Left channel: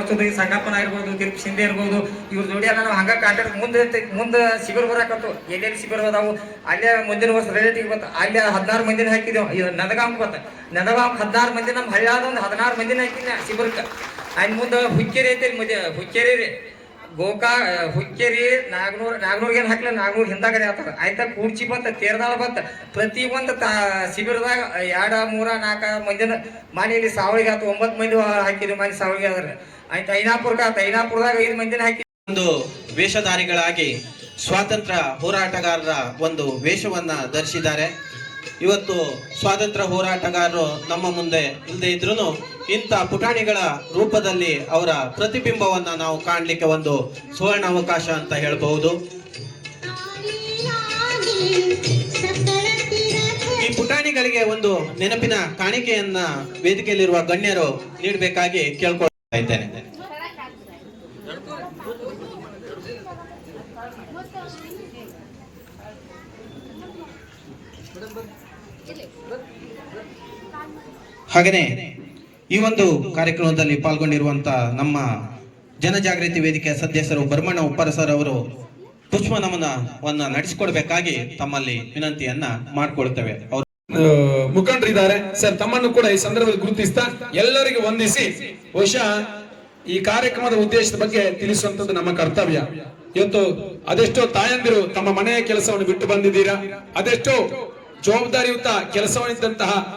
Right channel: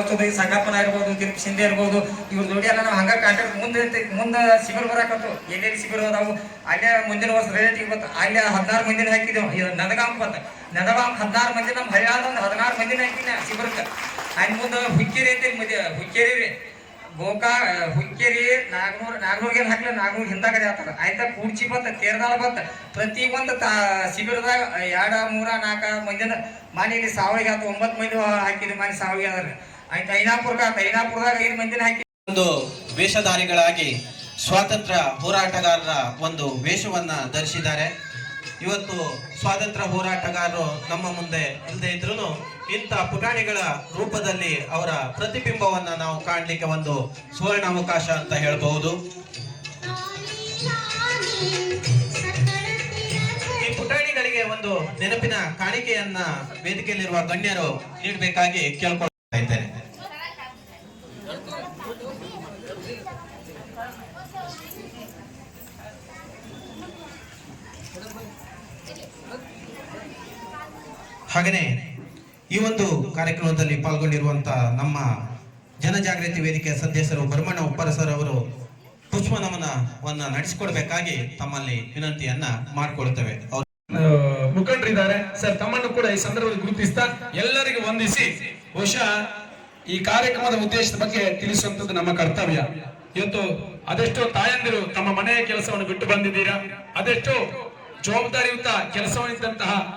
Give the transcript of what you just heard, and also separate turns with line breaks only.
ಈ ಸಂಗಪ್ಪನ ಇರ್ಬೋದು ತಿರುಪತಿ ಸಿಂಧೆ ಇರ್ಬೋದು, ಇವ್ರ ನೋಡಿ ನಾವು ಹಂಗ ಕಾಂಟ್ಯಾಕ್ಟ್ ಮುಂದೆ ಮುಂದೆ ಶಿಬಿರ ಬರಾಕತ್ತು ಎಲ್ಲೆಲ್ಲಿ ಶಿಬಿರ ಅದಾವು, ಅಲ್ಲೇ ಮುಂದಿನ ವರ್ಷ ರಿಲೇಟಿವ್ ಬಂತು ಅಲ್ಲೇ ಹದಿನಾರು ಮಂದಿನ ಹಾಕಿದ್ದೇವೆ ನದಗಾಂ ಬಂತ ನದಗಾಂ ಹದಿನಾರು ಮಂದಿ, ನಮ್ಮ ಹಳ್ಳಿಯಾದ ಒಂದು ಹದಿನಾರು ಮಂದಿನ ಹಾಕಿದ್ದೆ ಶಿಬಿರಕ್ಕೆ. ಅಲ್ಲಿ ಮುಂದೆ ಹುಚ್ಚೇರಿ ಐತಿ ಮುಂದೆ. ಹುಚ್ಚೇರಿ ರೀ. ಗೋಕಾ ಹುಚ್ಚೇರಿ ನಾಗ್ನೂರ್ ನಾಗ್ನೂರ್ಗೆ ಏನು ಹಾಕ್ಲಿ ನಾಗ್ನೂರ್ ಹಿಂದಾಗಡೆ ಆಗ್ತದೆ ಆಯ್ತಾ, ಕೂರ್ಚಿ ಬಂತ ತೇರ್ದಾಳ ಬಂತ. ಪ್ರತಿ ಒಂದು ತಾ ಶಿಬಿರದಾಗ ಎರಡ, ಮೂರ, ನಾಲ್ಕ ಮಂದಿನ ಮನೆಯಲ್ಲಿ ಸಾವಿಗೆ ಆಯ್ತು ಒಂಬತ್ತು ಮಂದಿ ಹಾಕಿರಿ ಮನೆ ಸಾವಿಗೆ ಅದ್ರ ಮಂದಿನ
ಒಂದು ವೇಷಧಾರಿಗಳಾಗಿ ಸ್ವಾತಂತ್ರ್ಯ ಹೋರಾಟಗಾರರ ಒಂದು ವೇಷವನ್ನ ಧರಿಸಿದ್ದಾರೆ. ಇವತ್ತು ಸ್ವಾತಂತ್ರ್ಯ ಹೋರಾಟಗಾರರು ನಮ್ಮ ಮುಂದೆ ಇಲ್ಲದೆ ಇದ್ರು ಇಂಥ ಪುಟಾಣಿಗಳ ರೂಪದಲ್ಲಿ ಅವರ ಪ್ರತಿಬಿಂಬವನ್ನ ನಾವು ಕಾಣಲಿಕ್ಕೆ ಒಂದು ಸುವರ್ಣ ಅವಕಾಶ ಅಂತ ಹೇಳಬಹುದು. ಈ ಪುಟಾಣಿಗಳಿಗೆ ಒಂದು ನೆನಪಿನ ಕಾಣಿಕೆಯನ್ನ ವೇದಿಕೆಯಲ್ಲಿರುವ ಗಣ್ಯರು ನೀಡಬೇಕಾಗಿ ಕೇಳ್ಕೊಳ್ತಾ ಹಾಗೆಯೇ ಈ ಒಂದು ಕಾರ್ಯಕ್ರಮದಲ್ಲಿ ಪಾಲ್ಗೊಂಡಿರುವಂತ ನಮ್ಮ ಜನಜಾಗೃತಿ ವೇದಿಕೆಯ ಸದಸ್ಯರು ಬರ್ಮಣ್ಣ ಉಪ್ಪರ ಸರ್ ಅವರು ಪುಷ್ಪ ನಮನವನ್ನ ನಡೆಸಿಕೊಡ್ಬೇಕಾಗಿ ತಮ್ಮಲ್ಲಿ ವಿನಂತಿಯನ್ನ ಮಾಡಿಕೊಳ್ತೇವೆ.
ಮುಖಂಡರಿದ್ದಾರೆ. ಸರ್, ತಮ್ಮನ್ನು ಕೂಡ ಈ ಸಂದರ್ಭದಲ್ಲಿ ಗುರುತಿಸ್ತಾ ಎಲ್ಲರಿಗೂ ವಂದಿಸಿ ಬಹುಶಃ ಈ ಕಾರ್ಯಕ್ರಮದ ಉದ್ದೇಶದ ಬಗ್ಗೆ ತಿಳಿಸುವಂತದ್ದು ನಮ್ಮ ಕರ್ತವ್ಯ. ಇವತ್ತು ಅದೆಷ್ಟೋ ತಾಯಂದಿರು ತಮ್ಮ ಮನೆಯ ಕೆಲಸವನ್ನು ಬಿಟ್ಟು ಬಂದಿದ್ದೀರಾ? ಅದೆಷ್ಟೋ ಜವಾಬ್ದಾರಿಯುತ ಕೆಲಸವನ್ನಿದ್ದಂತಹ